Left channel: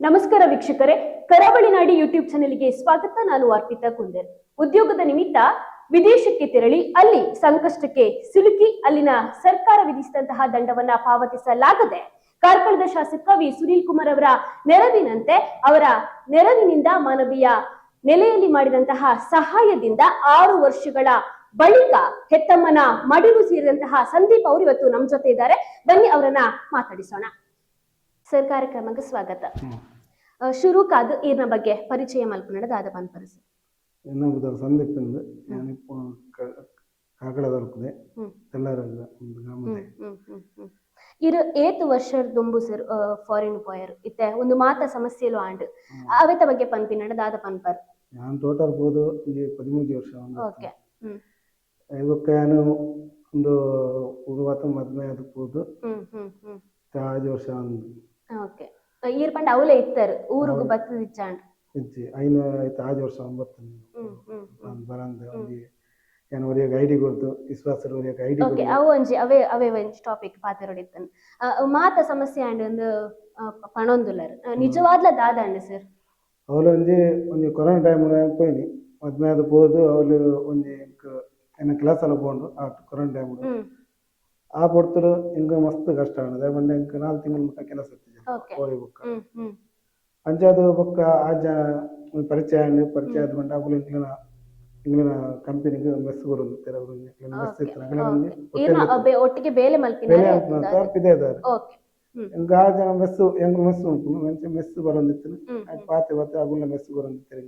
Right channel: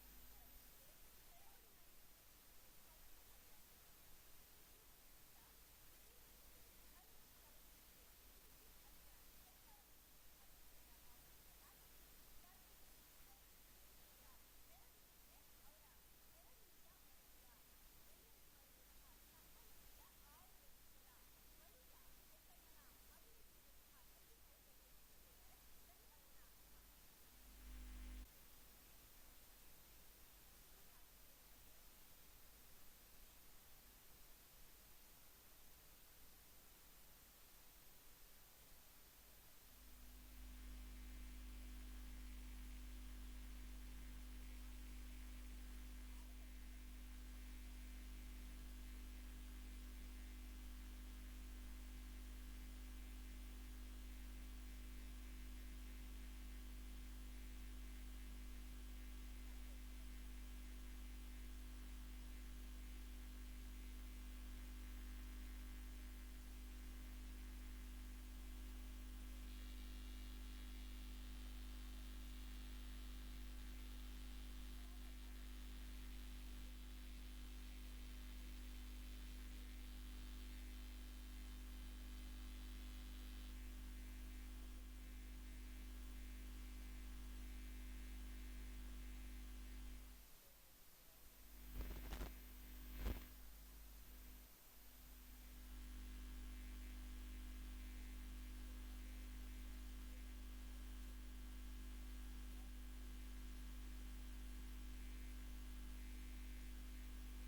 ನಮಸ್ಕಾರ ವೀಕ್ಷಕರೇ, ಕರಾವಳಿ ನಾಡಿ ಯೂಟ್ಯೂಬ್ ಚಾನೆಲ್ಗೆ ಸ್ವಾಗತ. ನಾನು ಅರ್ಪಿತಾ ಕುಂದರ್. ಉದ್ಯೋಗದ ನಿಮಿತ್ತ ವಿದೇಶಕ್ಕೆ ತೆರಳಿ ಅಲ್ಲಿ ಸಂಕಷ್ಟಕ್ಕೆ ಸಿಲುಕಿ ಅಲ್ಲಿನ ಸರ್ಕಾರ ವಿಧಿಸಿದಂತಹ ದಂಡವನ್ನ ಪಾವತಿಸಲಾಗದೆ ಕಾರ್ಕಳದ ಶಾಸಕ ವಿ ಸುನೀಲ್ ಕುಮಾರ್ ಅವರ ನೆರವಿನಿಂದ ಮಾನವೀಯ ನೆಲೆಯಲ್ಲಿ ಮಾಡಿದಂತಹ ಸಹಾಯದಿಂದ 6 ವರ್ಷಗಳ ಬಳಿಕ ಹೆತ್ತಮ್ಮನ ಮಡಿಲು ಸೇರಿದಂತಹ ಸಂದೀಪ್ ಅವರು ಇವತ್ತು ನಮ್ಮ ಜೊತೆ ಇದ್ದಾರೆ. ಬನ್ನಿ ಅವರನ್ನ ಮಾತಾಡಿಸೋಣ. ಸರ್, ಕಾರ್ಯಕ್ರಮಕ್ಕೆ ಸ್ವಾಗತ. ಶುರು ಕಾದು ಈರ್ನ ಬಗ್ಗೆ ಪರಿಚಯ ಮಲ್ಪನಡ ದಾದ ಪನ್ಪರಸ ಎನ್ನ ಸಂದೀಪ್ ಎಂದು ಕಾಕಡದಲ್ಪದೆ ಎಲ್ಲರಲ್ಲ ಇರು 8 ವರ್ಷ ದುಂಬು ಸರ್ ಫಾರಿನ್ ಪೋಯರ್ ಇತ್ತೆ ಒಂದು ಮಾತ ಸಮಸ್ಯೆಲು ಆಂಡ್ ಅವೆತ ಬಗ್ಗೆ ಪನ್ಪಿನಡ ದಾದ ಪನ್ಪರ್ ನಾನು ಟೋಟಲ್ ಹೋದು 13 ವರ್ಷ. ಓಕೆ. ಇವಕ್ಕೆ ನಾನು ಒಂದು ಉಗುವತ್ತ ಮದ್ಮೆ ಅದಕ್ಕೆ ಹೋದು 5 ವರ್ಷ. ಓಕೆ. ಈರ್ ಪಂಡ ಅವಲೇ ಇತ್ತಾರೆ ಊರುಗು ಬತ್ತು ಇಚ್ಚಾಂಡ್ ಇಜ್ಜಿ ಐನ ಆಯ್ತು 5 ವರ್ಷ 9 ಬರಂದ ಏನು ಅವರಿಗೆ ಐಡಿ ಕೊಡ್ತು ವಿಶ್ವಾಸರು ಅವರಿಗೆ ಐಡಿ. ಓಕೆ. ಅವು ಒಂಜಿ ಅವೇ ಒಂಜಿ ಟಾಪಿಕ್ ಪಾತೆರೊಡಿತ್ತನ್ ಮಾತ ಸಮಸ್ಯೆ ಆಂಡ್ ಒಂದು ಪಣೊಂದುಲ್ಲರ್ ನಿಜವಾದ್ಲ ದಾದ ಅಂಡ್ ಸರ್ ಅವಳು ಒಂಜಿ ಕೊರೋನಾ ಟೈಮ್ ಪೋಯ್ನಿ ಮದ್ಮೆ ಅದು ಹೋದು ಅವಳು ಒಂಜಿ ಎನ್ನ ಕ್ಲಾಸ್ ಎಲ್ಲ ಹೋಂಡು ಆ ಕೊರೋನಾ ಟೈಮ್ ಆ ಪೊಡ್ತರು ಇಂಗ ಮಸ್ತ್ ಕಷ್ಟ ಆಂಡ್ ಬಂಡೆ ಇಂಕ 4 ತಿಂಗಳು ಮುಟ್ಟ ಕೆಲಸ ಹೋಗಿ ಬುಕ್ಕ ಅಂಚಾದು ಬೊಕ್ಕ ಆಜ ಪರಿಚಯ ಆದ ಬಂಡ ಅವುಲು ಇಂಗ್ಲಿನ ಕಂಪನಿಗೆ ಮೆಸ್ ಕೊಡೋದು ಒಟ್ಟಿಗೆ ಬೇಲೆ ಮಲ್ಪಿದ್ದಾರೆ ಇಂಗ ಆಜ ಮೆಸ್ ಎಂಗ್ ಮೆಸ್ ಉಂಟು ಮೆಸ್ ಬರೋದಿತ್ತು ಪಾತೆ ಬತ್ತೆ ಅಗುಲ ಮೆಸ್ ಬರೋದಿತ್ತು.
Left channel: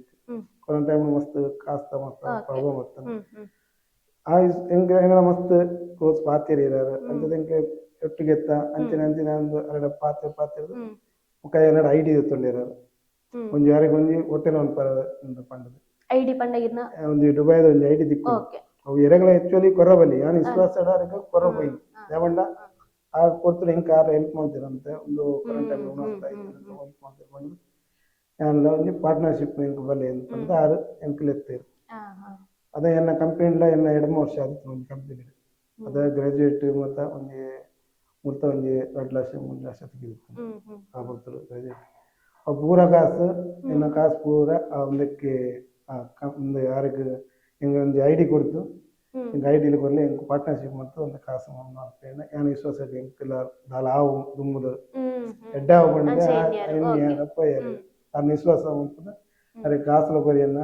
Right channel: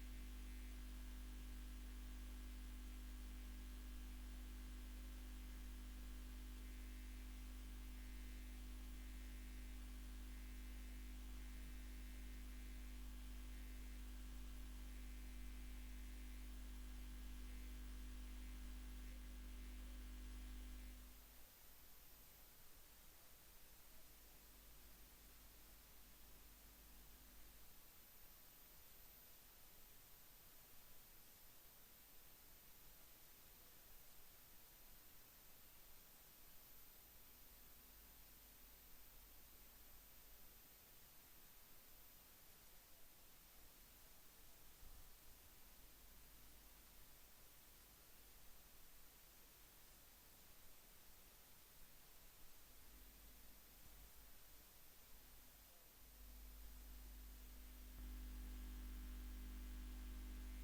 ಕೊರೋನಾ ಟೈಮ್ ಮಸ್ತ್ ಕಾಸ್ತ ಮಸ್ತ್ ಪ್ರಾಬ್ಲಮ್ ಆಗ್ತದೆ. ಆ ಎಂಗಳ ಮಸ್ತ್ ಕೋರ್ಸ್ ಪಾತೆರಿ ಇರಾರು ಅಂತದ ಎಂಗೆ ಒಟ್ಟಿಗೆ ಎತ್ತ ಅಂಚಿನ ಒಂದು ಎರಡು ಪಾತೆ ಮುಖ ಎರಡು ಐಡಿ ತೊಂಡಿರಾರು ಒಂಜಿ ಯಾರಿಗೆ ಒಂಜಿ ಹೊಟ್ಟೆನ ಒಂದು ಪಂಡದು ಐಡಿ ಪಂಡಗಿನ ಒಂದು ದುಬೈದ ಒಂದು ಐಡಿ ದಿಕ್ಕು ಅವು ಎರಗಳ ಆಕ್ಚುಲಿ ಕೊರಬಲ್ಲಿ ನಾನು ವಿಶ್ವಾಸ ಕೊರಬೈ ಯಾವಂಡ ಆ ಕೊಡ್ತಾರೆ ಹೆಂಗೆ ಕಾರ್ ಹೆಲ್ಪ್ ಮಾಡ್ತೀರಂತೆ ಒಂದು ನಾನು ಒಂದು ಪಾರ್ಟ್ನರ್ಶಿಪ್ ಹೆಂಗೆ ಬಲ್ಲಿ ಅಂತ ಆರು ಎಂಕ್ಲೆತ್ತೇರು ಅದೇ ಎನ್ನ ಕಂಪನಿಲ ಎನ್ನ 2 ವರ್ಷ ಆದಿತ್ತು ಒಂದು ಕಂಪನಿ ಅದ ಗ್ರಾಜುಯೇಟ್ ಮತ್ತು ಒಂದು ಮೊತ್ತ ಒಂದು 2 ಲಕ್ಷ 3 ಲಕ್ಷ ತೆಗಿಬೇಕು ಆ ಬರ್ತಾರೆ ಗ್ರಾಜುಯೇಟ್ ಆ ಪೂರ ಕಾಸು ಎನ್ನ ಕಾಸು ಪೂರ ಒಂದಕ್ಕೆ ಒಂದು ಯಾರಿಗೆ ಹಿಂಗೆ ಒಂದು ಐಡಿ ಕೊಡ್ತು ಹಿಂಗೆ ಐಡಿಲಿ ಕೊಡಲಿ ಹಿಂಗೆ ಪಾರ್ಟ್ನರ್ಶಿಪ್ ಮತ್ತು ಒಂದು ಕಾಸು ಮಾಡ್ತೇನೆ ಏನು ವಿಶ್ವಾಸ ಹೆಂಗಿಲ್ಲ ದಾಲ ಹಾವು ದುಮ್ಮದು ಎಡ್ಡ ಹಾವು ಬಂದಿದೆ ಅಪ್ಪ ಅದನ್ನ ವಿಶ್ವಾಸ ಮಾಡ್ತದೆ ಅದಕ್ಕೆ ಕಾಸುಲ ಕೊರಿಯನ್ನ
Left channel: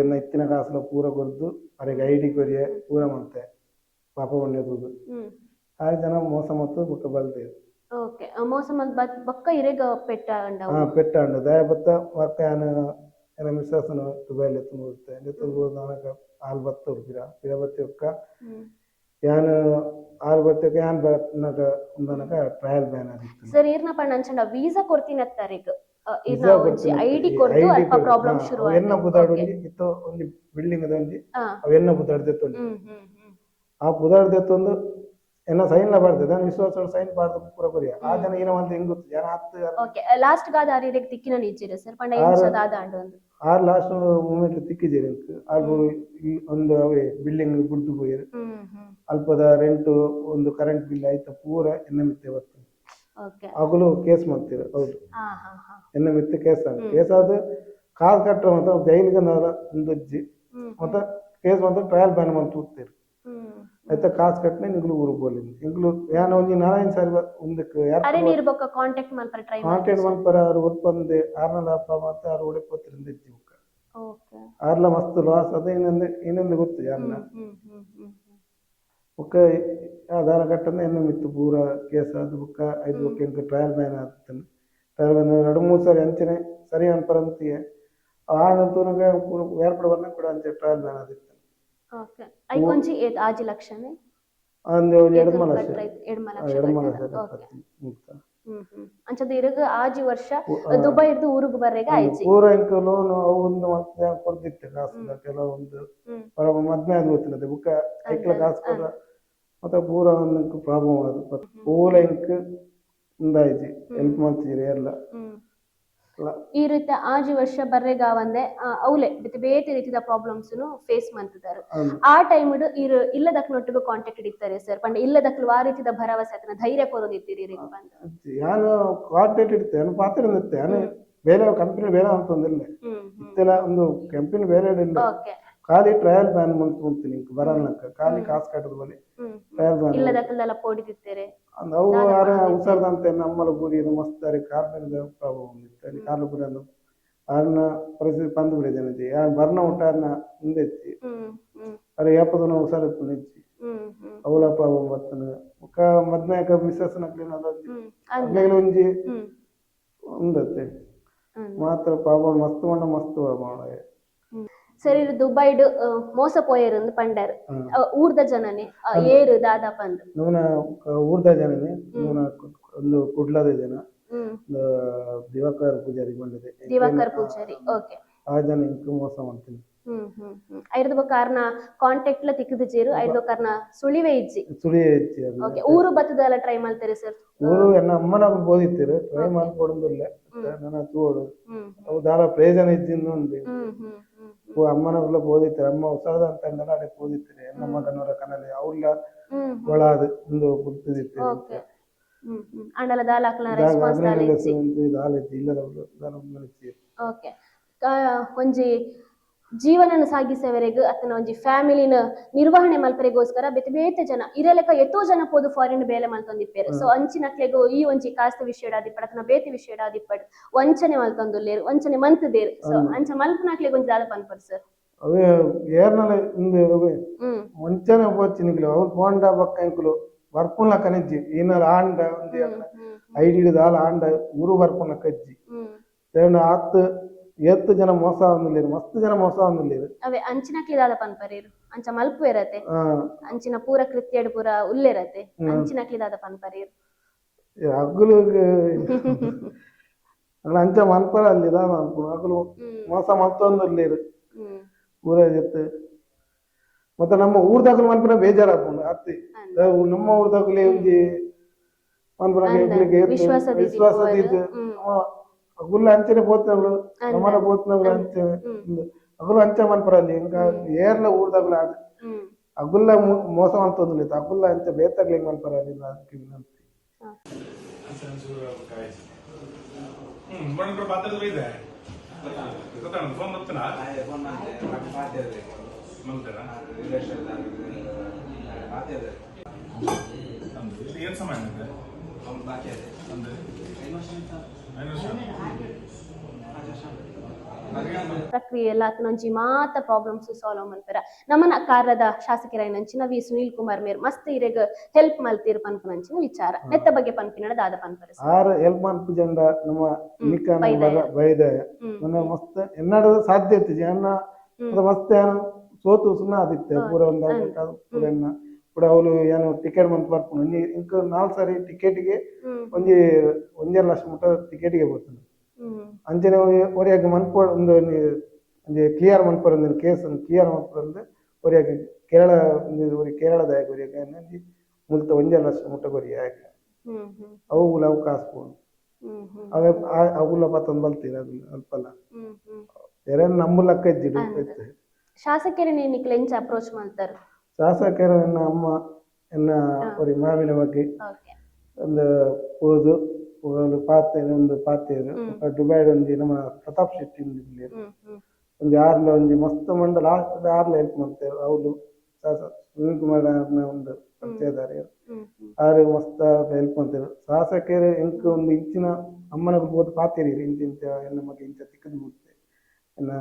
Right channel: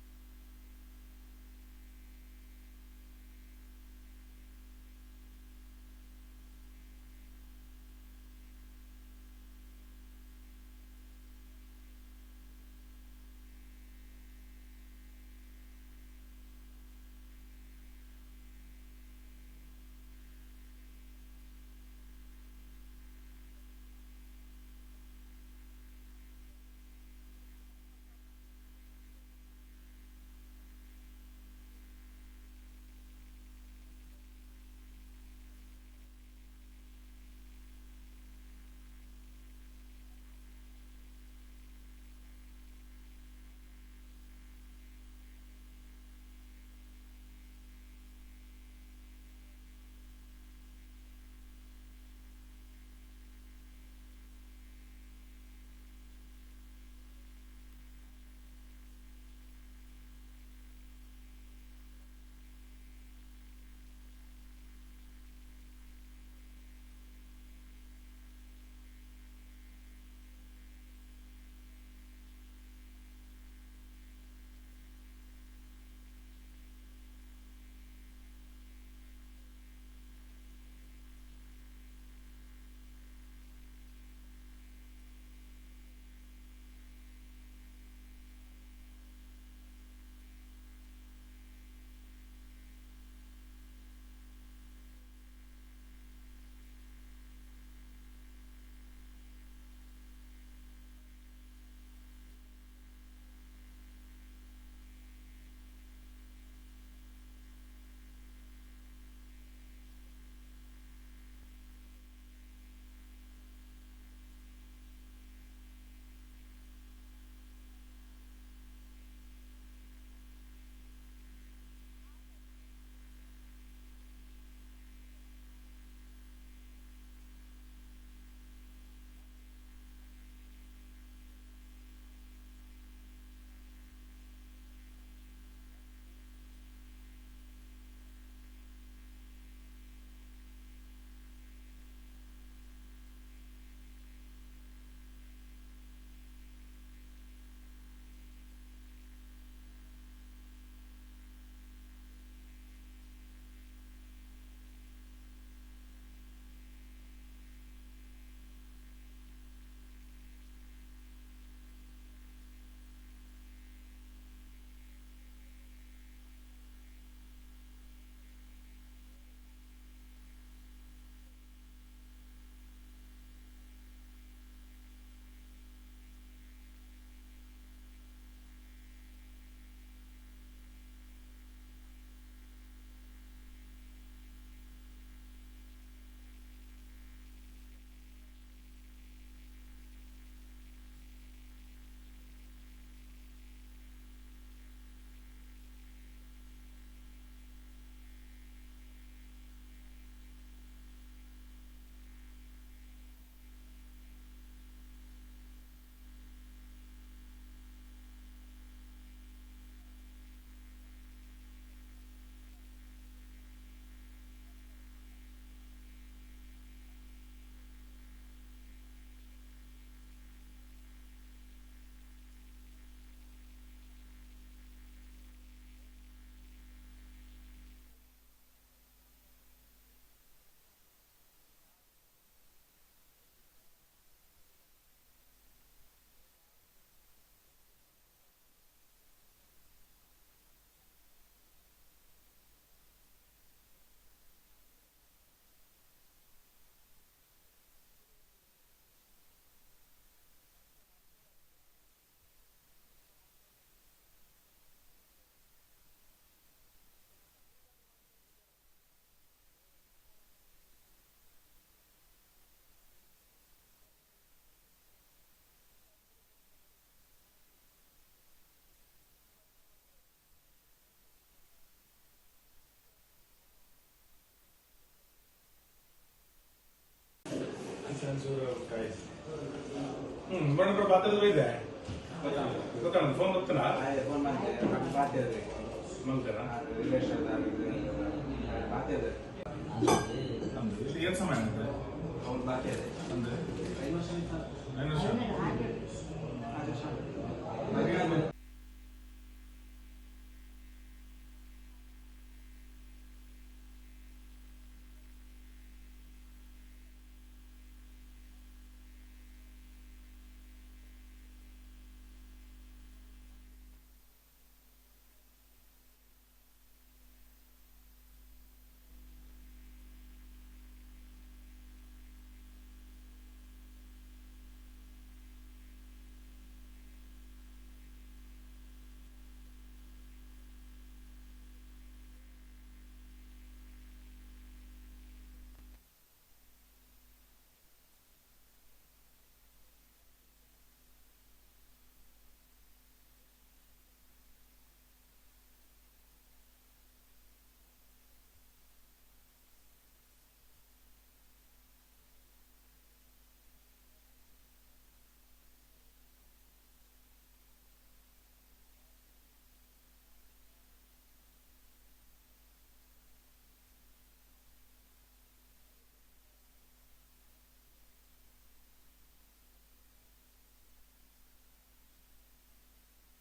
ಎನ್ನ ಇತ್ತಿನ ಕಾಸುಲ ಪೂರ ಕೊರ್ದು ಅದಕ್ಕೆ ಐಡಿ ಕೊರಿಯ ಪೂರ ಮಾಡ್ತೆ ಪಾಪ ಬಂದಿರೋದು ಆ ಜನ ಮೋಸ ಮತ್ತು ಬುಕ್ಕ ಬಲ್ತೇವೆ. ಓಕೆ. ಮೋಸ ಮತ್ತು ಬಕ್ಕ ಇರೆಗ ಪೆಟ್ಟ ದಯ ಬತ್ತ ವರ್ಕ ಏನ ವಿಶ್ವಾಸನ ದುಬೈಲಿ ಎತ್ತುತ್ತೆ ನನಗ ಹಾಲು ಬತ್ತ ಹುಡ್ತೀರಾ ಇರ ಬತ್ತಿ ಒಕ್ಕ ಯಾನು ಹಾಲು ಬತ್ತಕ್ಕೆ ಯಾನ್ ನನಗ ಒಂದನಕ ಟ್ರಯಲ್ ಬ್ಯಾನ್ ಆಗಿತ್ತು ಸರ್. ಈರ್ನ ಪಣ್ಣ ಅಂಚಂಡ ವೀಸಾ ಕೊಡ್ತೀನಿ ಅತ್ತಾರೀಗ ಐಡಿ ಕೊಡ್ತು ಅಲ್ಪ ಪ್ರಾಬ್ಲಮ್ ಶುರು ಆಯ್ತು. ಎನ್ನ ಬುದಾಡಿ ಇತ್ತು ಒಂದು ಬಿಲ್ಡಿಂಗ್ ಅದ ಒಂಜಿ ಅವೆನ್ನ ಬುದಾಡ್ದೆತ್ತು ಆ ಬುದಾಡ್ದೆತ್ತೊಂದು ಎನ್ನ ಸೈನ್ ಬರ್ತದೆ ನಾನು ವಿಶ್ವಾಸ ಸೈನ್ ಬಾರ್ದು ಪೂರ ಕೊರಿಯ ಆ ಜನ ಏನೋ ಒಂದು ಹೆಂಗ್ ಗೊತ್ತು ಯಾರು ಹತ್ತು. ಓಕೆ. ಲಾಸ್ಟ್ ಗಾದ ಆರಿರೆಗ್ ತಿಕ್ಕಿನ ನಿಜ್ಜಿರ ಸರ್ ಪಂಡ ಏನ್ಸದಾದ ಅಂಡು ಒಂದು ಆ ಲಾಸ್ಟ್ ಮೂಮೆಂಟ್ ತಿಕ್ಕಿದ್ದೀರಿ ಹಾಗೂ ಒಂದು ಅವೇ ಬಿಲ್ಡಿಂಗ್ ಬುಡ್ದು ಹೋಯ್ರು ಅಲ್ಪದ ರೆಂಟು ಒಂದು ಕರೆಂಟ್ ಬಿಲ್ ಆಯ್ತಾ ಪೂರ ಎನ್ನ ಮಿತ್ತೆ ಬರ್ತದೆ. ಆಗಲು ಕೇಸ್ ಮಾಡ್ತೀರ ಹೌದು ಎನ್ನ ಮಿತ್ತೆ ಕೇಸ್ ಆದ ಕಾಲ್ ಕಟ್ಟರೆ ಮತ್ತೆ ಜೈಲಿಗೆ ಒಂದು ಮತ್ತೆ ಕೇಸ್ ಮತ್ತೆ ಟ್ರಯಲ್ ಬ್ಯಾನ್ ಮಾಡಿ ತೂಗ್ತೀರಿ ಆಯ್ತಾ ಕಾಸು ಕಟ್ಟನೆ ನಿಂಗ್ಲು ಊರಿಗೆ ಬೋಲಿ ನಿಂಗ್ಲು ಯಾನ ಒಂಜಿ 4 ಸಾರಿ ಒಂದಕ್ಕೆ ಕಾಂಟ್ಯಾಕ್ಟ್ ಮಲ್ಪರ ಅವ್ರು ಒಪ್ಪಂದೆ 6 ಲಾಭ ಮತ್ತೆ 6 ಒಡೆಪತ್ತಿರಿಂದ ಇತ್ತು ಆರ್ಲ ಮಸ್ತ್ ಲಾಸ್ ಅದೇ ಇನ್ನೊಂದು ಗೊತ್ತು ಯಾರನ್ನ ಬುಕ್ಕ ಆಧಾರ ಕಟ್ಟನೆ ಎನ್ನ ಮಿತ್ತು ಪೂರ ಕೇಸ್ ಅದು ಬುಕ್ಕ 5 ಬುಕ್ಕ ಎಂಕ ಟ್ರಯಲ್ ಬ್ಯಾನ್ ಆಗ್ತಾನೆ. ಟ್ರಯಲ್ ಬ್ಯಾನ್ 2-3 ಸಾರಿ ಅಂಚನೆ ಸರಿ ಅನ್ಪರಂತಿಗೆ ಆನಂತೂ ನನಗೆ ಏರ್ಪಡ ಬರ್ನ ಕೂಡ ಅಂಚೆ ಟ್ರಯಲ್ ಬ್ಯಾನ್ ಆದಿತ್ತು. ಓಕೆ. ಐಕೊಂಜಿ ಆಜಿ ಲಕ್ಷನೆ ಅಂದೆ ಒಂದು 2 ಲಕ್ಷ ಅಂಚದ ಇರಗ ಆಜಿ ವರ್ಷ ದುಬೈ ಇರ್ದು ಊರಿಗೆ ಬರ್ರೆಗ ಆಯ್ತು ಪೂರ ಇಂಕ ಲೋನ್ ಒಂದು ಮತ್ತೆ ಕೊಡ್ತಿತ್ತೆ ಕಾಸು ಕೆಲವೊಂದು ಮದ್ಮೆ ಅದು ಗೊತ್ತಿಲ್ಲದೆ ಬುಕ್ಕ ಐಕ್ಲ ಕಾಸು ಕೊಡ ಮತ್ತೆ ಪೂರ ಒಂದು ಪ್ರಾಬ್ಲಮ್ ಅದು ಪೂರ ಇಂಕ ಇಂದಾಯ್ತು ಹೆಲ್ಪ್ ಮಾಡ್ತಿದ್ದೀರಿ ಎಲ್ಲ ಈ ರೀತಿ ಆಜಿ ವರ್ಷ ಬರ್ರೆಗ ಒಂದೇ ಅವಲೆ ಬೇತೆ ರೀತಿಯ ಪ್ರಾಬ್ಲಮ್ಸ್ ಫೇಸ್ ಮಾಡ್ತಿದ್ದಾರೆ ಆ ಟೈಮ್ ಇಲ್ಲದಕ್ನೊಟ್ಟಿಗೆ ಕಾಂಟ್ಯಾಕ್ಟ್ ಇಡ್ತಾರೆ ಸರ್ ಪಂಡ ಇಲ್ಲದಕ್ಲು ಆ ರೀತಿಯ ಭರವಸೆ ಅದನ್ನ ಧೈರ್ಯ ಕೊರೋದಿತ್ತೀರಿ ನಾನು ಕಾಂಟ್ಯಾಕ್ಟ್ ಇಡ್ತೇನೆ ಪಾತ್ರ ನಾನು ಬೇರೆ ಕಂಪನಿ ಬೇರೆ ಅಂತಂದಿಲ್ಲ ಇತ್ತೆಲ್ಲ ಒಂದು ಕಂಪನಿ ಬೇರೆ ಇಲ್ಲ ಖಾಲಿ ಟ್ರಯಲ್ ಬ್ಯಾನ್ ಮುಂತೀನಿ ಬರಲ್ಲಕ್ಕ ಖಾಲಿ ಕಾಸು ಕಟ್ಟದ ಬಳಿ ಟ್ರಯಲ್ ಬ್ಯಾನ್ ಇಲ್ಲದಕ್ಕೆಲ್ಲ ಪೋಡಿತಿರ್ತಾರೆ ಅವು ಯಾರ ಉಸರ್ದಂತೆ ನಮ್ಮಲ ಗುರಿ ಮಸ್ತಾರೆ ಕಾರ್ಮಿಕ ಪ್ರಾಬ್ಲಮ್ ಕಾರ್ಮಿಕ ಅದನ್ನ ಪರಿಸ್ಥಿತಿ ಪಂದು ಬಿಡಿದೆ ಬರ್ನ ಊಟನ ಹಿಂದೆ ಎತ್ತಿ ಅರೆ ಯಾಪದನ್ನ ಉಸಾರ ನಿಚ್ಚಿ ಅವಳ ಪ್ರಾಬ್ಲಮ್ ಬರ್ತಾನೆ ಮದ್ನಾಯಕ ಮಿಸ್ಸಸ್ ನಕ್ಲಿ ಒಂಜಿ ಉಂದತ್ತೆ ಮಾತ್ರ ಪ್ರಾಬ್ಲಮ್ ಮಸ್ತ್ ಮಂಡ ಮಸ್ತ್ ಪ್ರಾಬ್ಲಮ್ ಸರಿ ದುಬೈಡ್ ಮೋಸ ಪೋಯರು ಪಂಡರ್ ಊರ್ದ ಜನನೇ ಏರು ದಾದಾ ಪಂದ್ ನೂನ ಊರ್ದ ಜನನೇ ನೂನ ಒಂದು ಕುಡ್ಲದ ಜನ ದಿವಾಕರ್ ಪೂಜಾರಿ ಬಂದಿದೆ ದಿವಾಕರ್ ಪೂಜಾರಿ ಓಕೆ ಆ ಜನ ಇಂಕು ಮೋಸ ಮಾಡ್ತೀನಿ ಐದು ಕಾರಣ ಕಾಂಟ್ಯಾಕ್ಟ್ ಲ ತಿಕ್ಕದ ಜೇರು ಐದು ಕಾರಣ ಸುಳಿವೆ ಇಜ್ಜಿ ಓಕೆ ಊರು ಬತ್ತದಲ್ಲ ಟ್ರೈ ಮಾಡ್ತಾರೆ ಸರ್ ಊರು ಎನ್ನ ಅಮ್ಮನ ಬೋದಿತ್ತೀರು ಟ್ರೈ ಮಾಡ್ಕೊಡೋದಿಲ್ಲ ನನ್ನ ತೋಡು ಅವು ದಾರ ಪ್ರಯೋಜನ ಇದ್ದಿಂದ ಉಂಟು ಅಮ್ಮನವ್ರೆಲ್ಲ ಬೋದಿತ್ತಾರೆ ಅಮ್ಮ ಉಸಾದ ಅಂತ ಅಂದಲ್ಲ ಅದೇ ಬೋದಿತ್ತಾರೆ ನಮ್ಮ ಕನ್ನಡ ಕನ್ನಡ ಅವ್ರಲ್ಲ ಒಳಾದ ಇಂದು ಗುರ್ತಿದಿತ್ತು ಅಂಡಲ ದಾಲಾಕ್ಲ ರೆಸ್ಪಾನ್ಸ್ ಓಕೆ ಒಂಜಿ ಜೀವನ ಸಾಗಿಸವರೆಗೂ ಅತನ ಒಂಜಿ ಫ್ಯಾಮಿಲಿನ ನಿರ್ವಹಣೆ ಮಲ್ಪರೆಗೋಸ್ಕರ ಬೇತೆ ಬೇತೆ ಜನ ಇರಲೆಕ್ಕ ಎತ್ತೋ ಜನ ಪೋದು ಫಾರಿನ್ ಬೇಲೆ ಮಲ್ತೊಂದಿಪ್ಪೇರು ಸೊ ಅಂಚಿನಕ್ಲೆಗು ಈ ಒಂಜಿ ಕಾಸ್ತ ವಿಷಯ ಆದಿಪ್ಪಡ್ ಅತನ ಬೇತೆ ವಿಷಯ ಆದಿಪ್ಪಡ್ ವಂಚನೆ ಮಲ್ತೊಂದುಲ್ಲೇರು ವಂಚನೆ ಮಂತದೇರು ಸೊ ಅಂಚ ಮಲ್ಪನಾಕ್ಲೆಗ್ ಒಂಜಿ ದಾದ ಪನ್ಪರ್ ಸರ್ ಅವೇ ಏರ್ನಲ ಇಂದು ವಂಚನೆ ಹೋಚಿನಿಗ್ಲು ಅವ್ರು ಫೋಂಡ ಬಕ್ಕ ಇಂಕುಲು ಬರ್ಪುನ್ಲ ಕನಿಜ್ಜಿ ಏನಾರ ಆಂಡ ಒಂಜಿ ಐಡಿ ದಾಲ ಆಂಡ ಊರು ಬರ್ಪುನ್ಲ ಕಜ್ಜಿ ಆತ್ ಎತ್ತು ಜನ ಮೋಸ ಆಗುದಿಲ್ಲ ಮಸ್ತ್ ಜನ ಮೋಸ ಆಗುದಿಲ್ಲ ಅವೇ ಅಂಚಿನಕ್ಲಿ ದಾದ ಪನ್ಪರೇರು ಅಂಚ ಮಲ್ಪು ಇರತ್ತೆ ಅಂಚಿನ ಪೂರ ಕೃತ್ಯಡ್ ಪೂರ ಉಲ್ಲಿರತ್ತೆ ಅಂಚಿನಕ್ಲಿ ದಾದ ಪನ್ಪರೇರು ಅಗ್ಲು ಅಂಚ ಮನ್ಪರ ಅಲ್ಲಿ ಅಗ್ಲು ಮೋಸ ಮಲ್ತೊಂದಿಲ್ಲ ಪೂರ ಜೊತೆ ಮತ್ತೆ ನಮ್ಮ ಊರ್ದಾಗಲು ಮನ್ಪರ ಬೇಜಾರಾಗ್ಬೋದು ಅತ್ತಿ ನಮ್ಮ ಊರ್ದಾಗಲೇ ಒಂಜಿ ಮನ್ಪರ ವಿಶ್ವಾಸದಿದ್ದು ಅಗುಲ್ಲ ಅಂಚನೆ పోతున్నప్పుడు ನಮ್ಮನ పోతున్నప్పుడు ಅಂಚೆ ಅಗುಲ್ಲ ಅಂಚೆ ಮನ್ಪರಲ್ಲಿ ఇంకా ಏರ್ಲ ಊರ್ದಾಗಲ ಅಗುಲ್ಲ ಮೋಸ ಅಂತಂದಿಲ್ಲ ಅಗುಲ್ಲ ಅಂಚೆ ಬೇತಾಗ್ಲಿ ಮನ್ಪರಲ್ಲಿ ಅದಕ್ಕೆ ವಿನಂತಿ ಬಂದ್ರು ಪಾತ್ರದ ಇದೆ ಗೊತ್ತಾನ ಫೋನ್ ಬರ್ತಾನಾ ಫೋನ್ ಮಾಡ್ತೆ ನಾನು ಪಾತ್ರೆ ಮಂತನ ರಿಲೇಷನ್ ಪಾತ್ರೆ ಅಂದ್ರೆ ಏನು ಸಮಯ ಅಂದ್ರೆ ಅವನು ಪಾತ್ರೆ ಅಂದ್ರೆ ಪ್ರಕ್ರಿಯೆ ಎಲ್ಲ ಆತನಂಚಿ ಮಾತ ಪ್ರಾಬ್ಲಮ್ಸ್ ಸಾಲ್ವ್ ಮಲ್ಪೆರ ನಮ್ಮನ ಕಾರ್ಯದ ಶಾಸಕರೈನಂಚಿನ ವಿ ಸುನೀಲ್ ಕುಮಾರ್ ಮೇರ್ ಮಸ್ತ್ ಇರೆಗ್ ಹೆಲ್ಪ್ ಮಲ್ತೀರ್ ಪನ್ಪುನಂಚಿನ ವಿಚಾರ ನೆತ್ತ ಬಗ್ಗೆ ಪನ್ಪಿನಡ ದಾದ ಪನ್ಪರೆ ಆರ್ ಹೆಲ್ಪ್ ಮನ್ಪು ಜಂಡ ನಮ್ಮ ನಿಕಾನ ಬೈದಯ ನನ್ನ ಮಸ್ತ್ ಎನ್ನಡ ಸಾಧ್ಯತೆ ಜನ ಮಸ್ತ್ ಏನು ಸೋತು ಸುಮ್ಮನೆ ಆದಿತ್ತೆ ಪೂರ ಒಂದು ಪೂರನ್ನ ಕೂಡ ಅವಳು ಏನು ಟಿಕೆಟ್ ಮಂತ್ ಬರ್ಕೊಂಡು ಇಂಕ 4 ಸಾರಿ ಟಿಕೆಟ್ಗೆ ಒಂಜೆ ಲಕ್ಷ ಮುಟ್ಟ ಟಿಕೆಟ್ಗೆ ಬರ್ತಾನೆ ಅಂಚನೆ ಒರಿಯಾಗಿ ಮನ್ಪೋ ಒಂದು ಕ್ಲಿಯರ್ ಮನ್ಪರ ಕೇಸ್ ಕ್ಲಿಯರ್ ಮನ್ಪರಂದ್ರೆ ಒರಿಯಾಗಿ ಕೇರಳ ಕೇರಳದ ಒರಿಯಾಗಿ ಮುಲ್ತ 1 ಲಕ್ಷ ಮುಟ್ಟ ಗೊರಿ ಆಗಿ ಅವುಗಳ ಅವಕಾಶ ಪೋನು ಅವೇ ಅವುಗಳ ಪತ್ತೊಂದು ಬಲ್ತೀರ ಅದು ಅಲ್ಪಲ್ಲ ಬೇರೆ ನಮ್ಮ ಲೆಕ್ಕ ಇದ್ದಿದ್ದು ಶಾಸಕರೇ ನಿಕ್ಲೆ ಎಂಚ ಅಪ್ರೋಚ್ ಮಾಡ್ತಾರೆ ಶಾಸಕರು ಎನ್ನ ಅಮ್ಮ ಎನ್ನ ஒரு ಮಾವಿನ ಬಗ್ಗೆ ಒಂದು ಓದು ಒಂದು ಪಾತೇರು ದುಬೈ ಒಂದು ನಮ್ಮ ಪ್ರತಾಪ್ ಶೆಟ್ಟಿ ಒಂದು ಯಾರ್ಲ ಒಂದು ಮಸ್ತ್ ಮಂಡ ಲಾಸ್ಟ್ ಯಾರ್ಲ ಹೆಲ್ಪ್ ಮಾಡ್ತೇವೆ ಅವ್ರು ಸುನೀಲ್ ಕುಮಾರ್ ಒಂದು ಪರಿಚಯದಾರ ಆರು ಮಸ್ತ್ ಹೆಲ್ಪ್ ಮಾಡ್ತೇವೆ ಶಾಸಕರು ಎಂಕ್ ಒಂದು ಇಂಚಿನ ಅಮ್ಮನ ಬೋದು ಪಾತೇರಿ ಇಂಚ ಎನ್ನ ಬಗ್ಗೆ ಇಂಚ ತಿಕ್ಕದು ಮುಟ್ತೆ ಎನ್ನ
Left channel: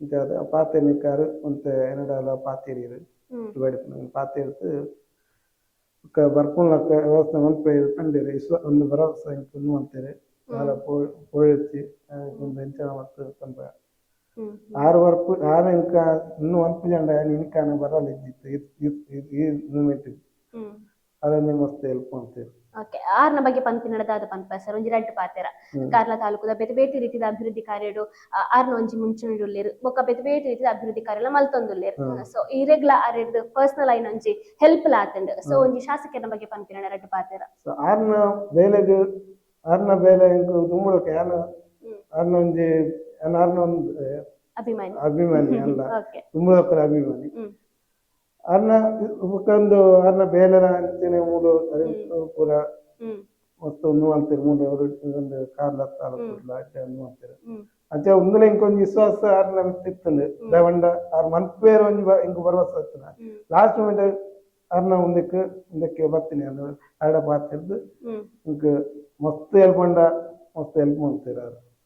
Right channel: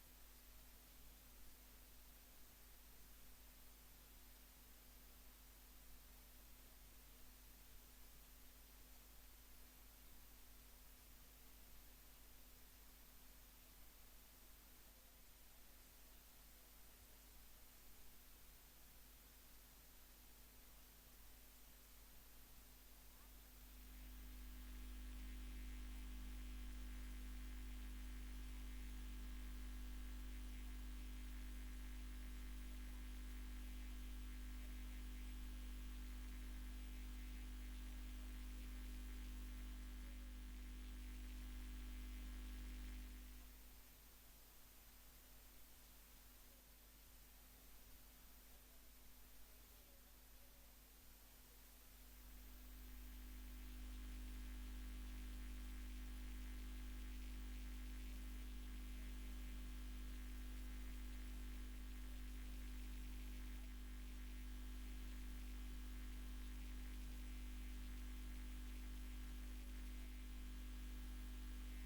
ಇಂಚ ಪಾತೆ ನಿಕ್ಕಾರು ಅಂತ ಎನ್ನಡಲ್ಲ ಪಾತೇರಿ ಪಾತಿರ್ತು ಬರ್ಪುನ್ಲ ವ್ಯವಸ್ಥೆ ಮನ್ಪೆ ಕಂಡಿರಿ ಒಂದು ಭರವಸೆ ಇನ್ನು ಅಂತಾರೆ ಭಾಳ ಪೋಳಿಸಿ ಒಂದು ಹೆಂಚನ ಮತ್ತು ತಂಪ ಆರು ಇಂಕ ಇನ್ನು ಒಂದು ಜಂಡ ಇನ್ಕಾನ ಬರಲ್ಲ ಇದ್ದಿತ್ತು ಈ ಮೂಮೆಂಟ್ ಅದನ್ನೇ ಮಸ್ತ್ ಹೆಲ್ಪ್ ಮಾಡ್ತೇವೆ ಓಕೆ ಆರ್ನ ಬಗ್ಗೆ ಪನ್ಪಿನಡದಾದ ಪನ್ಪ ಸರ್ ಒಂಜಿ ರಡ್ಡ್ ಪಾತೆರ ಕಾರ್ಲ ತಾಲೂಕುದ ಬೇತೆ ಬೇತೆ ರೀತಿದ ಅಭಿವೃದ್ಧಿ ಕಾರ್ಯಡು ಆರ್ನ ಒಂಜಿ ಮುಂಚೂಣಿಡುಲ್ಲೇರು ಬೊಕ್ಕ ಬೇತೆ ಬೇತೆ ರೀತಿದ ಅಭಿವೃದ್ಧಿ ಕಾರ್ಯ ಮಲ್ತೊಂದುಲ್ಲೇರು ಸೊ ಇರೆಗ್ಲ ಆರೆಡ್ ಪರ್ಸನಲ್ ಐನ ಒಂಜಿ ಹೆಲ್ಪ್ ಲಾತಂಡ್ ಸೊ ಒಂಜಿ ಶಾಸಕರ ಬಗ್ಗೆ ಪನ್ಪಿನಡ ರಡ್ಡ್ ಪಾತೆರ ಆರ್ನ ಬೇಲೆಗ್ ಆರ್ನ ಬೇಲೆ ಇಂಕು ದುಮ್ಮುಳಕ್ಕೆ ಅರ್ನ ಒಂಜಿ ಅರ್ನ ಒಂದು ಅಭಿಮಾನಿ ಅಭಿಮಾನಿ ಅಲ್ಲ ಓಕೆ ತುಂಬ ಅಭಿಮಾನಿ ಅರ್ನ ಒಂದು ಅರ್ನ ಬೇಲರ ಅಂಚನೆ ಮೂಲು ಪೂರ ಮತ್ತು ಅಂತೀರಿ ಮೂಲ ಒಂದು ಕಾರ್ಲ ಅಂತೀರಿ ಅಂಚೆ ಒಂದಲ ಇಂಕೊಂದು ವಿಶ್ವಾಸ ಅರ್ನ ಇತ್ತಂದು ದವಂಡ ಆರ್ ಮನ್ಪೇರು ಒಂಜಿ ಇಂಕ ಭರವಸೆ ಇರ್ತದ ಲಾಸ್ಟ್ ಮೂಮೆಂಟ್ ಅರ್ನ ಒಂದಕ್ಕೆ ಬರ್ತೀನಿ ಅದು ಆಡ ಪಾತಿರ್ದು ಇಂಕ ಮಸ್ತ್ ಹೆಲ್ಪ್ ಮಾಡ್ತೀರ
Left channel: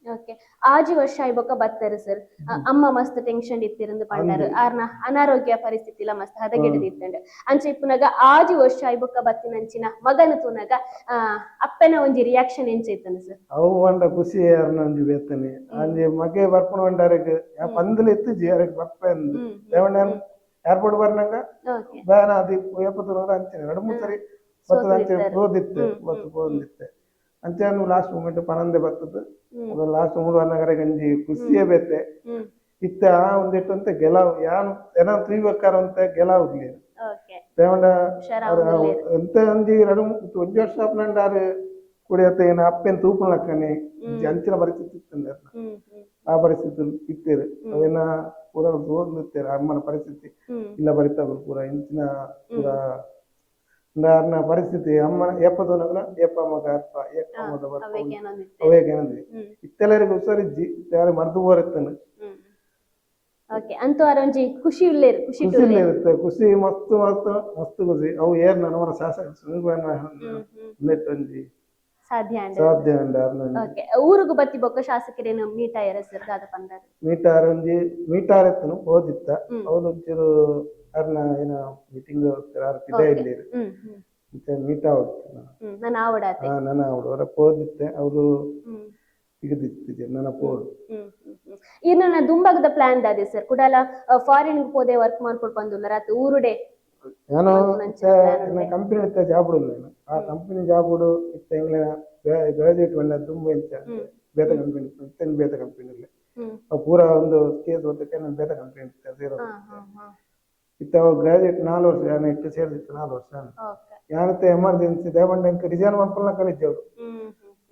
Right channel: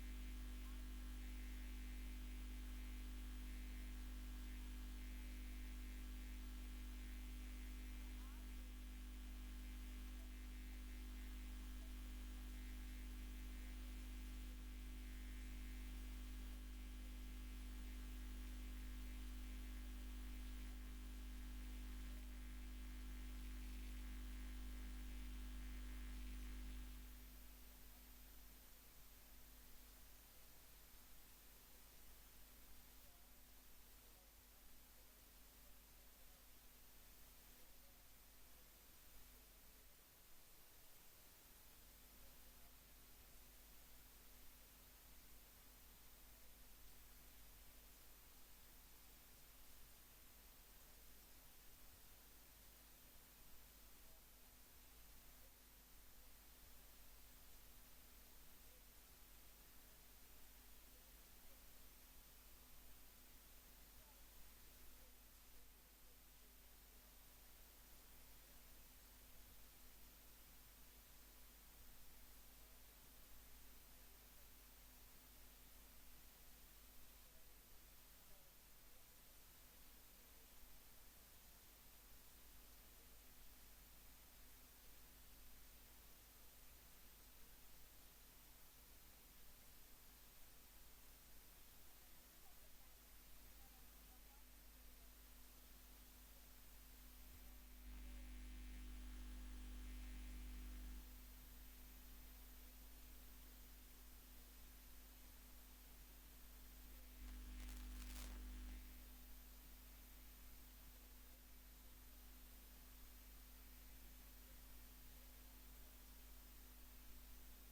ಓಕೆ ಆಜಿ ವರ್ಷ ಐಬೊಕ್ಕ ಬತ್ತರು ಸರ್ ಅಮ್ಮ ಮಸ್ತ್ ಟೆನ್ಷನ್ ಇತ್ತಿರಂದು ಪಂಡರು ಆರ್ನ ಅನಾರೋಗ್ಯ ಪರಿಸ್ಥಿತಿಲ ಮಸ್ತ್ ಹದಗೆಡದಿತ್ತಂಡು ಅಂಚೆ ಇಪ್ಪುನಗ ಆಜಿ ವರ್ಷ ಐಬೊಕ್ಕ ಬತ್ತಿನಂಚಿನ ಮಗನ ತೂನಗ ಅಪ್ಪನ ಒಂಜಿ ರಿಯಾಕ್ಷನ್ ಎಂಚೈತಂದು ಸರ್ ಅವು ಒಂದ ಖುಷಿ ಅರ್ನ ಒಂಜಿ ಬೇತನೆ ಅಂಜಿ ಮಗೆ ಬರ್ಪುನ ಒಂಡಾರಗ್ ಪಂದಲ ಎತ್ತಿಜಿ ಅರಗ್ ಬರ್ಪೆಂದು ದೇವಣ್ಣ ಏರ್ಪೋರ್ಟ್ ಬರ್ನಂಗ ಬ್ಯಾನ ಅದು ಎಪ್ಪತ್ತು ಅಂಚನೆ 2-3 ಸರಿ ಬತ್ತದ ಅಂಚೆ ಪೋದಿತ್ತೆ ಅಂಚೆ ಲಾಸ್ಟ್ ಮೂಮೆಂಟ್ ಪನಂದೆ ಬರ್ತದ ಲಾಸ್ಟ್ 3 ಅನ್ನಗರ ಗಂಜಿ ಖುಷಿಯೇ ಬೇತೆ ಇತ್ತ ಒಂದಿಟ್ಟು ಅಂತ ಗೆಲಾವ್ ಯಾನು ಏನೋ ತ್ರೀವಕ್ಕಾರ ಅಂತ ಗೆಲಾವ್ ಇರ್ಲಿ ದೇವಂಡ ಎಂತ ಒಂಜಿ 2-1 ವರ್ಷ ಅಪ್ಪನಂಡಾರು ಕುಡಿಯತ್ತ ಏನ ಅಪ್ಪೆನ್ ತೂಪುನಕ್ಕನೆ ಅಂಚಿನ ಪರಿಸ್ಥಿತಿ ಇತ್ತಂದ ಆ ಪರಿಸ್ಥಿತಿ ಇತ್ತೇರು ಅವೇನ ಪೂರ ಓದ್ಲಿತ್ತೇರು ಅಮ್ಮನ ಪರಿಸ್ಥಿತಿ ಇಲ್ಲ ಬರಿತಾವ್ರು ಪೂರ ಇಂಚಿನ ಪೂರ ಅನ್ನ ಪರಿಸ್ಥಿತಿ ಅಮ್ಮನ ಏಪದೊನಗಲ ಏಪ ಮಗ ಅಪ್ಪ ಏಪಮದ ಅವೇಗೇನಂದ್ರಿ ಇತ್ತೆಲ್ಲರಿಗೂ ಹುಷಾರಿಜ್ಜಿ ಯಾರು ಮರ್ದು ಬೋರಿತ್ತನು ಓಕೆ ಅಂತೂ ಅರಂಜಿ ಖುಷಿ ಇಲ್ಲೇರು ಖುಷಿ ಇರುತ್ತೆ ಖುಷಿ ಮಸ್ತ್ ಖುಷಿ ಅವು ಏರ್ ನನವರ ಶಾಸಕ ನೆಟ್ಟೊಂಜಿ ಸಾಧ್ಯ ಅಂಡ ಓಕೆ ಊರುಗು ಬತ್ತಿ ಬೊಕ್ಕ ಶಾಸಕರೇನು ಮೀಟ್ ಆಯರ ಸರ್ ದಾದ ಪಂದಾರ ಮೀಟಾರ್ ಒಂಜಿ ಮೀಟಾರ್ ಎತ್ತನು ಓದಿತ್ತ ಅವಳು ಒಂಚೂರು ಅರ್ನ ಏನ ಮೀಟಿಂಗ್ ಇದೇ ಇಲ್ಲಿ ಮೀಟ್ ನನ್ನ ಆವಡಾತೆ ನನ್ನ ಅವಳು ಅವರ ಪೋದಿತ್ತೆ ಅವರು ಸಿಗದಿತ್ತಿದೆ ನನ್ನ ಪೋಡು ಇನ್ನ ದುಂಬಗದ ಪ್ಲಾನ್ ದಾದೆ ಸರ್ ಕುಡಾಲ ಫಾರಿನ್ ಪೋದೆ ವರ್ಕ್ ಮಾಡ್ಕೊಂಡು ಬಂದುಲ್ಲ ರಾತ್ ಊರುಡೆ ನಾನು ಕಂಪನಿ ಇತ್ತ ಜಾಬ್ ನಾನು ಆ ಕಂಪನಿ ಜಾಬ್ ಇತ್ತ ಇಂಗ್ಲಿನ ಗ್ರಾಜುಯೇಟ್ ಬಂದ ತುಂಬ ಇಂಚ ಬೇತ ಕಂಪನಿ ಇತ್ತೇನು ಬೇತ ಕಂಪನಿಯಲ್ಲಿ ಪೂರ ಒಂದು ಕೇಸ್ ಓದಕ್ಕೆ ನಾನು ಬೇತ ಕಂಪನಿ ಸೇರೋ ಇತ್ತ ಗ್ರಾಜುಯೇಟ್ 4 ವರ್ಷ ನಾನು ಇಟ್ಟು ಸೇರಿತ್ತು 4 ವರ್ಷ ಯಾನತ್ತೆ ಎಮರ್ಜೆನ್ಸಿ ದೇವಂಡ ಇಂಕ ರಿಸೈನ್ ಮಾಡ್ಕೊಳ್ಳ ಕಲಿದ್ದೆವ್ರು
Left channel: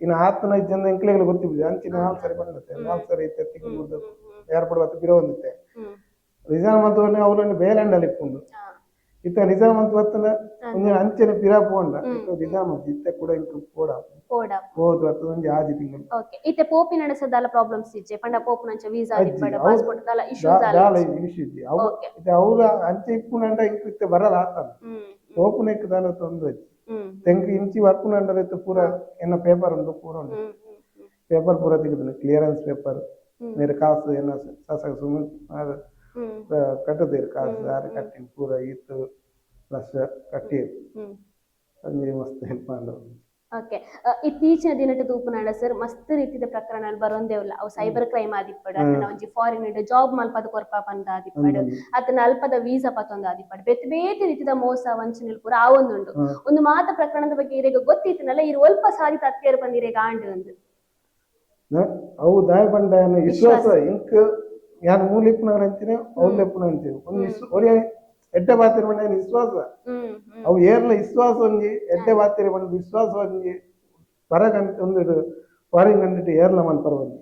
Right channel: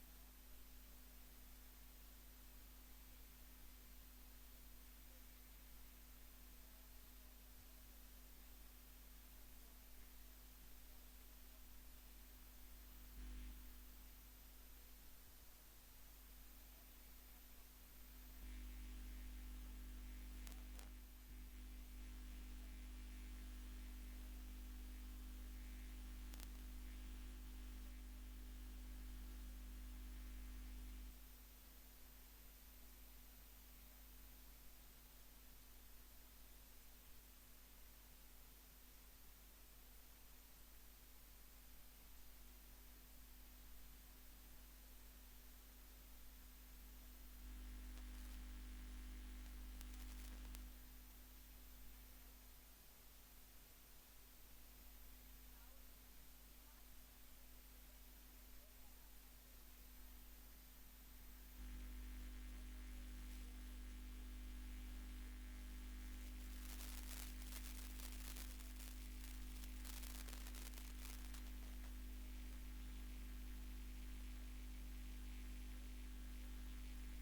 ಇನ್ನು ಆತನ ಜನ ಇಂಕ್ಲೆಗಳು ಗೊತ್ತಿದ್ದೆ ಅಂಚಿನ 4 ಸರಿ ಬಂದಿತ್ತೆ 4 ಸರಿ ಇತ್ತೆ ತಿಂಗಳು ಏರ್ಪೋರ್ಟ್ ಬತ್ತು ಬಿರೋ ಬಂದಿತ್ತೆ ರಿಸೈನ್ ಮಾಡ್ತವನೇ ಅವರನ್ನು ಬೇಲೆಂಡಲ್ಲಿ ಇಟ್ಕೊಂಡು ಇತ್ತ ರಿಸೈನ್ ಮಾಡ್ತು ಬತ್ತನ ಒಂದು ಅಂಚನೆ ಪಿರಾ ಪೋಂಡ ರಿಸೈನ್ ಮಾಡ್ತು ಇತ್ತೆ ಕೂಡ ಇಂಕ ಹೋದು ಬರ್ತದ ಒಂದು 6 ತಿಂಗಳು ಓಕೆ ಇತ್ತೆ ಪೋಪಿ ನಡೆಸದಾಲ ಪ್ರಾಬ್ಲಮ್ಸ್ ಇಜ್ಜೆ ಪಂಡ ಪೋಪು ನಂಚ ವೀಸಾ ದಿಪ್ಪಡ ಪಾಸ್ಪೋರ್ಟ್ ದಾಲ ಇಶ್ಯೂಸ್ ದಾಲ ಇಶ್ಯೂ ಇಜ್ಜೆ ಅವು ಇತ್ತೆ ಅವರ ಅಂಚೆ ಇಪ್ಪುನಂಡ ಇಂಕ ಇತ್ತೆ ಬರಲ್ಲ ಆತನ ಪೋಪುನ ಇಕ್ಕ ದಾಲ ತೊಂದ್ರೆ ತೆಂಕ ಇಂಚಿ ವರ್ಪುನಂಡರ ಇತ್ತೆ ಪೂರ ಎನ್ನ ಪೇಪರ್ ಉಂಟು ಪೂರ ಉಂಟು ಪೇಪರ್ ಪೂರ ತೆಗೆದು ಕ್ಲಿಯರೆನ್ಸ್ ಪೇಪರ್ ಮೇರೆ ಕಾಸು ಏನ ಶಾಸಕ ಸುಮ್ಮನೆ ಕಟ್ಟದೇರು ಕಾಸು ಯಾರು ಕಟ್ಟಿ ಪೂರ ಇತ್ತು ಲಕ್ಷ ಕಟ್ಟಿ ಅಂಜಿ ಮಸ್ತ್ ಹೆಲ್ಪ್ ಮಾಡು ಓಕೆ ಇತ್ತೀಚಿನ ದಿನದ ತೂಪುನಾಡ ಸರ್ ಮಸ್ತ್ ರೀತಿಯ ಪ್ರಕರಣ ಬರೋಂದೇವಲ್ಲ ಅವು ಸೈಬರ್ ಕ್ರೈಮ್ ಆದಿಪ್ಪಡು ಅದನ್ನ ಒಂಜಿ ಫಾರಿನ್ ಜಾಬ್ ಮಲ್ಪದ ಕೊರ್ಪ ಬಂದ ಆದಿಪ್ಪಡು ಅದನ್ನ ಅಲ್ಪದ ವೀಸಾ ಪತ್ತೊಂದು ಆದಿಪ್ಪಡು ಬೇತೆ ಬೇತೆ ರೀತಿಯ ಮೋಸ ವಂಚನೆ ಪೂರ ಆ ಒಂದು ಮಾತ ಪ್ರಕರಣದ ಬಗ್ಗೆ ಇರೇಗ ಗೊತ್ತಿತ್ತನಲ್ಲ ಇರು ಅಲ್ಪ ಸಾರಿ ತತ್ತೇರು ಬಂದಿರೇಗ ಆಂಡ್ ಒಂದು ಅವು ದಾಯ ಬಂಡ ವಿಶ್ವಾಸ ಇಂಕ್ ಯಾರು ಮೂಲಿಪ್ಪನವ್ರು ಅಂತೀನಿ ಅವ್ರು ಲೆಪ್ಪನ ಅಂತೀವಿ ಒಂದು ಎಡ್ಡೆ ಬಾತಿರ ಬಂಡ ವಿಶ್ವಾಸ ಅವು ಏರ್ಲ ವಿಶ್ವಾಸ ಒಂಜಿ ಎಡ್ಡೆ ಬಾತಿರ ಬಂಡ ವಿಶ್ವಾಸ ಒಂಜಿ ಪರ ಒಂದು ಫಾರಿನ್ ಕಂಡಿಟ್ಟು ಏರ್ಲ ಮಲ್ಪರ ಬಂದು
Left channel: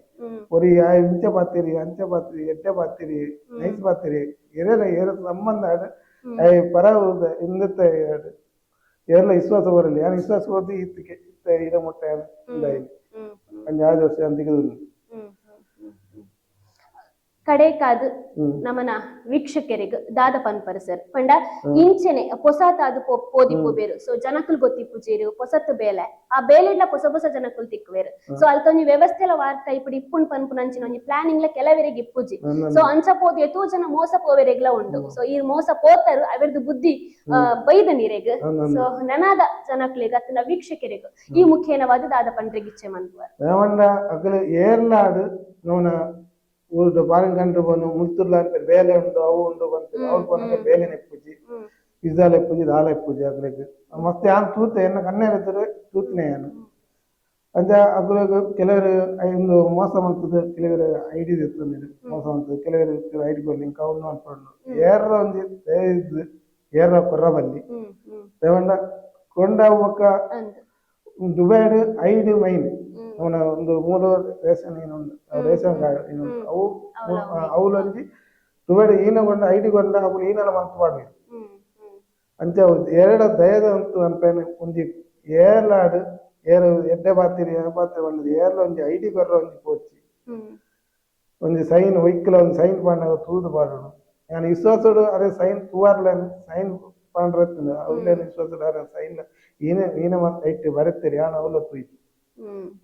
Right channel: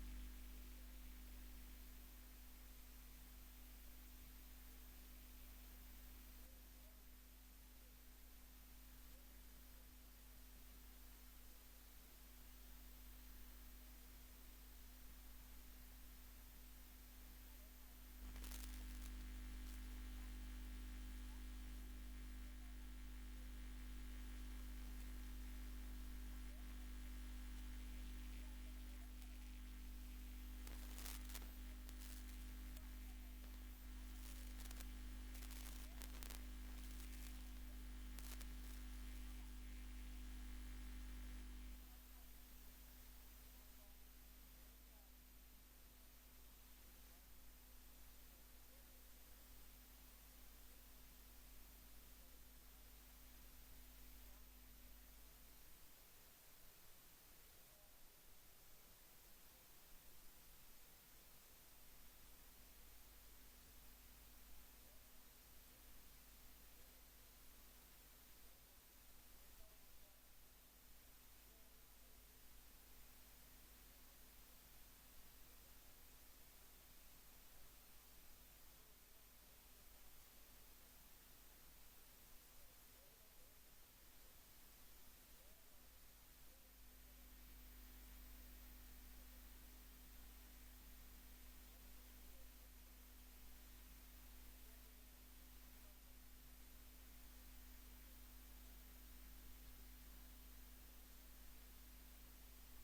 ಒರಿ ಇಂಚೆ ಬಾತಿರಿ ಅಂಚೆ ಬಾತಿರಿ ಎಡ್ಡೆ ಬಾತಿರಿ ನೈಸ್ ಬಾತಿರಿ ಏರ ಸಂಬಂಧ ಪರ ಇಂದತ್ತೆ ಏರ್ಲ ವಿಶ್ವಾಸ ಬರಲಿ ಯಾರು ವಿಶ್ವಾಸ ಹೋಗಿ ಇತ್ತಿಗೆ ಇದ ಮೊಟ್ಟೆ ಒಂದು 6 ವರ್ಷ ಅಂತಿಗೆ ಕಡೆಕಾದು ನಮನ ವೀಕ್ಷಕರಿಗೆ ದಾದ ಪನ್ಪರ ಸರ್ ಪಂಡ ಇಂಚೆನೆ ಪೊಸಾತಾದು ಪೋದಿಪ್ಪು ಬೇರು ಸೊ ಜನಕುಲು ಗೊತ್ತಿಪ್ಪು ಜೇರು ಪೊಸತ್ತು ಬೇಲೆ ಆ ಬೇಲೆಡ್ಲ ಹೊಸ ಜನಕುಲು ತಿಕ್ಕುವೇರು ಸೊ ಅಲ್ಕೊಂಜಿ ವ್ಯವಸ್ಥೆಲ ವಾರ್ತ ಇಪ್ಪುಡು ಇಪ್ಪುನ್ ಪನ್ಪುನ ಅಂಚಿನ ಒಂಜಿ ಪ್ಲಾನಿಂಗ್ ಲ ಕೆಲವೆರೆಗೆ ಇಪ್ಪುಜಿ ಸೊ ಅಂಚ ಪೋದು ಎತೋ ಜನ ಮೋಸ ಪೋವೆರೆಗ್ಲ ಉಂಡು ಸೊ ಈ ಮೋಸ ಪೋತರು ಅವರದು ಬುದ್ಧಿ ಬೈದ ನೀರೆಗ್ ಸೊ ನನದ ಜನಕುಲಿಗೆ ಅತ್ತನ ವೀಕ್ಷಕರಿಗೆ ಈ ಮುಖೇನವಾದ ದಾದ ಪಂಡ್ರೆಗೆ ಇಚ್ಛೆ ಮನ್ಪುವ ಏರ್ಲಾಡು ಊರುಡು ಫಾರಿನ್ ಕಂಟ್ರಿ ಬಂದು ಮುತ್ತುರ್ಲ ಬೇಲೆ ಉಂಟು ಅವು ಉಂಟು ಬಂತು ಅವ್ರು ಬಂದ ಬೇಲೆ ನೆಪ್ಪುಜಿ ಪಿಜ್ಜಾ ಲೆಪ್ಪುಜಿ ದಾಲ ಎಪ್ಪುಜಿ ಅಗ್ಲಿಗೆ ಮತ್ತೆ ಯಾನ್ ತೂತೆ ಎನ್ನ ಕಣ್ಣೆ ಇರ್ತಾರೆ ತೂತ್ನೆ ಯಾನು ಅಂಚ ಅಗ್ಲಿಗೆ ಕೆಲವರು ಒಂದು ಮೋಸ ಮಾಡ್ತದೆ ಕೆಲವರು ಐಡಿ ಇರ್ತದೆ ಮೋಸ ಮಾಡ್ತದೆ ಕೆಲವರು ಐಡಿ ಲಿಂಕ್ ಅವನು ಅನ್ಕೊಂಡು ಏರ ಒಂದು ಇದು ಏರ ಕೊರ್ರಬಲ್ಲಿ ದೇವಂಡ ಕೊಂಡ ಒಕ್ಕ ದುಬೈಡ್ ಐದು ಮೈನ್ ಅವನ ಒಂದು 3 ರೇಷನ್ ಇನ್ನೊಂದು ರೇಷನ್ ಕಾರ್ಡ್ ಇನ್ನೊಂದು ಅವು ಅವಲೊಂಜಿ ದುಬಾಡಿ ಈನಗೊಂಡ ಐಡಿಗೊಂಡ ಅವು ಈನೆಲ್ಲ ಮಂತ್ ಮಾಡ್ಬೇಕು ಅಂಚ ಎರಡು ದಯದ ಅಂತು ಅನ್ಪೇನೆ ಒಂಜಿ ಏರ್ಲಾಡು ಏರು ಎಡ್ಡೆ ಬಾತಿರಿ ಬಂದದ್ದು ಏರ್ಲ ಒಂಜಿ ಐಡಿ ಬರ್ರ ಒಂಜಿ ಪೋಚಿ ಒಂಜಿ ಸೈನ್ ಒಯ್ಕಲ ಒಂದು ಸೈನ್ ಪಾಂಡ ತೂದು ಪಾಡೋಣ ನಾನು ವಿಶ್ವಾಸಡು ಅದೇ ಸೈನ್ ತೂವಾರ್ಲೇನು ಸೈನ್ ಪಾಂಡ್ರತ್ತಿನ ಅವ್ಲೇನು ವಿಶ್ವಾಸಡು ಅರೆ ಸೈನ್ ಈನೆ ಮತ್ತೆ ಐಟಿ ಬರುತ್ತೀರಿ ಯಾನು ಅವಲ ತೂಯ್ತು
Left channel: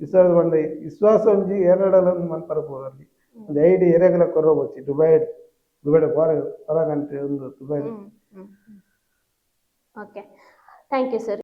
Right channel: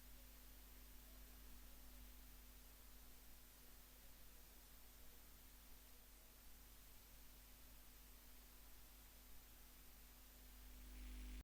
ವಿಶ್ವಾಸ ಬಂಡ ವಿಶ್ವಾಸ ಒಂಜಿ ಎರಡಲ್ಲ ಮನ್ಪರ ಪೋರಲ್ಲಿ ಒಂದು ಐಡಿ ಎರೆಗಲ ಕೊರಬೋಚಿ ದುಬೈಡ್ ಹೊರಗಂಟೆ ಒಂದು Dubai okay thank you sir